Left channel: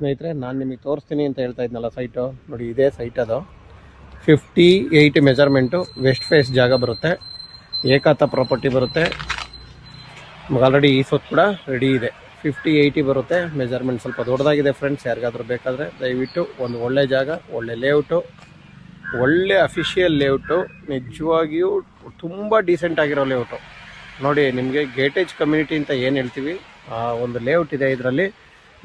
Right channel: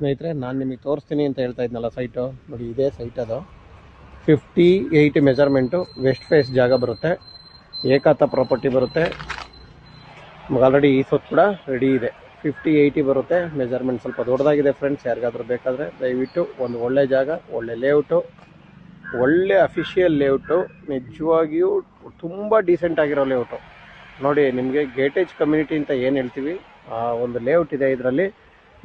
ಸ್ನೇಹಿತರೆ, ನಾನು ನಿಮಗೆ ತೋರಿಸ್ತೀನಿ ಅಂತ ಹೇಳ್ತಾ ಇದ್ನಲ್ಲ ಸೈಟು, ನೋಡಿ ಇದೇ ಸೈಟ್. ಅದು 58 ಮೆಜರ್ಮೆಂಟು, ವೆಸ್ಟ್ ಫೇಸ್ ಜಾಗ ಬರುತ್ತೆ, ಏಕಾತ ಪ್ರಾಪರ್ಟಿ ಬರುತ್ತೆ. ಆಲ್ರೆಡಿ ಈ ಸೊತ್ತು ಕೂಡ ರೆಡಿ ಇದೆ. 50-80 ಬರುತ್ತೆ ಮೆಜರ್ಮೆಂಟ್. ಸ್ವಲ್ಪ ದೊಡ್ಡದಾಗಿದೆ ಫ್ರೆಂಡ್ಸ್. ಯಾರಿಗಾದ್ರೂ ಬೇಕಾದರೆ ದಯವಿಟ್ಟು ಒಂದು ಒಳ್ಳೆ ಜಾಗ, ಒಳ್ಳೆ ಲೇಔಟು, ಒಳ್ಳೆ ಅಫಿಷಿಯಲ್ ಲೇಔಟು, ನಿಜವಾಗಿಯೂ ತುಂಬ ಡೀಸೆಂಟ್ ಆಗಿರೋ ಲೇಔಟು. ನೋಡಿ, ನಿಮಗೆ ಗೇಟೇಜ್ ಕಮ್ಯುನಿಟಿ ಅಂತ ಏನು ಹೇಳ್ತೀವಿ, ಆ ಒಂದು ಲೇಔಟ್ ಇದೆ. ಇದರಲ್ಲಿ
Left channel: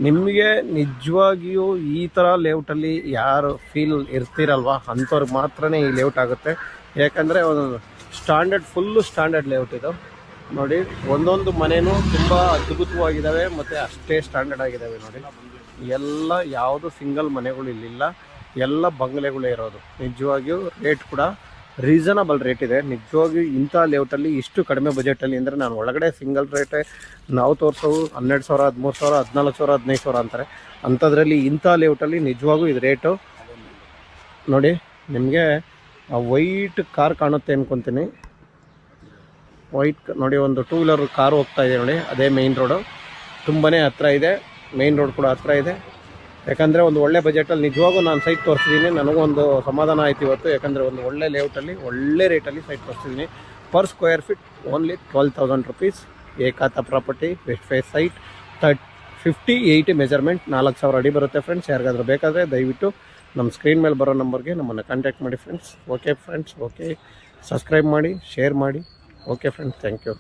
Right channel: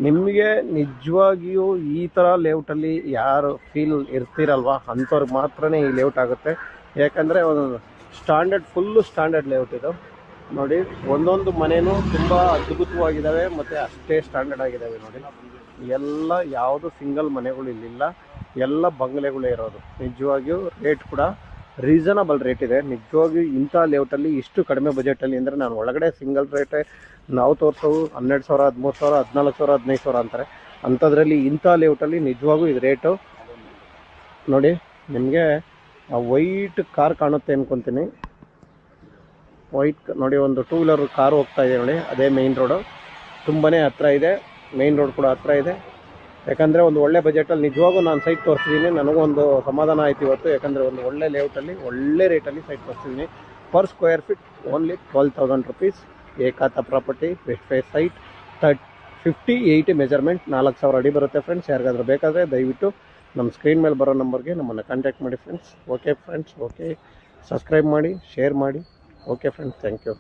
ನಿಮಗೆ ನಿಜವಾಗಿಯೂ ಈ ಥರ ಲೇಔಟಲ್ಲಿ ಯಾರು ಫೀಲ್ ಇರ್ತೀರಲ್ವ ಅಂಥವ್ರಿಗೆ ಮಾತ್ರ ಈ ಲೇಔಟ್ ಆಗುತ್ತೆ. ಯಾಕಂದರೆ ಒಂದು ಸ್ಟ್ಯಾಂಡರ್ಡ್, ಫುಲ್ಲು ಸ್ಟ್ಯಾಂಡರ್ಡ್ ಲೇಔಟ್ ಇದು. ನೋಡಿ, ಒಂದೊಂದು ಮನೆಯೂ ತುಂಬ ಅದ್ಭುತವಾಗಿದ್ದಾವೆ ಮತ್ತು ಅಷ್ಟೇ ಸ್ಟ್ಯಾಂಡರ್ಡ್ ಆಗಿದ್ದಾವೆ. ನೋಡಿ, ಎಲ್ಲ ಯಾವುದು ಸಿಂಗಲ್ ಮನೆಗಳು ಇಲ್ಲಿಲ್ಲ, ಎಲ್ಲ ಬಂಗ್ಲೆಗಳೇ ಇರೋದು. ನಿಜವಾಗಿಯೂ ರೇಟ್ ಕೂಡ ರೀಸನಬಲ್ ರೇಟ್ ಇದೆ. ನಿಜವಾಗಿಯೂ ಇಂಥ ಲೇಔಟಲ್ಲಿ ಇಷ್ಟು ಕಡಿಮೆ ಬಜೆಟಲ್ಲಿ ಅಂದರೆ, ನಾನು ಒಳಗಡೆ ಸಿಂಗಲ್ ರೇಟೇ ನಾವು ತೋರಿಸೋವು 12,000, 13,000, 14,000, 15,000 ಅಂತಾರೆ. ಅಂಥದ್ರಲ್ಲಿ ಇಂಥ ಲೇಔಟಲ್ಲಿ ನಿಜವಾಗೂ ಇದು ರೇಟು. ನೋಡಿ, ನಿಮಗೆ ವೈಟ್ ಕಾರ್ ಕಾಣುತ್ತೆ ಅಂದ್ಕೊತೀನಿ. ವೈಟ್ ನೋಡಿ, ಒಂದು 2 ವೀಲರ್ ಕಾರು ಹೋಗ್ತಾ ಇದೆ ನೋಡಿ. ಅದೇ ಮೇಯ್ನ್ ರೋಡು, ತುಂಬಾ ಹತ್ತಿರ ಇದೆ. ಮೇಯ್ನ್ ರೋಡ್ ಕೂಡ ಹತ್ತಿರ ಇದೆ. ಯಾಕಂದರೆ ಒಂದು ಒಳ್ಳೆ ಬಜೆಟಲ್ಲಿ ನಿಜವಾಗೂ ನಾನು ಸೈಟ್ ತೋರಿಸಿದ್ದೀನಿ. ನನಗೊಂದು ಸಮಾಧಾನ ಆಯ್ತು ಇವತ್ತು. ಯಾಕಂದರೆ ಒಂದು ಒಳ್ಳೆ ಲೇಔಟಲ್ಲಿ ಒಳ್ಳೆ ರೇಟಲ್ಲಿ ಸೈಟ್ ತೋರಿಸಿದ್ದೀನಿ. Per square feet only 12,000 rupees. ಏಕಾತ property, west face site, 50-80 measurement, 4,000 ಅಡಿ ಬರುತ್ತೆ ಫ್ರೆಂಡ್ಸ್. ಯಾರಿಗಾದ್ರೂ ಬೇಕಾದರೆ ದಯವಿಟ್ಟು ನಮ್ಮ ಸ್ಕ್ರೀನ್ ಮೇಲೆ ಬರೋ ನಂಬರ್ಗೆ ನಮ್ಮನ್ನು ಕಾಂಟ್ಯಾಕ್ಟ್ ಮಾಡಿ friends. Okay friends, okay, subscribe ಮಾಡಿ, ಶೇರ್ ಮಾಡಿ. Okay friends, thank you.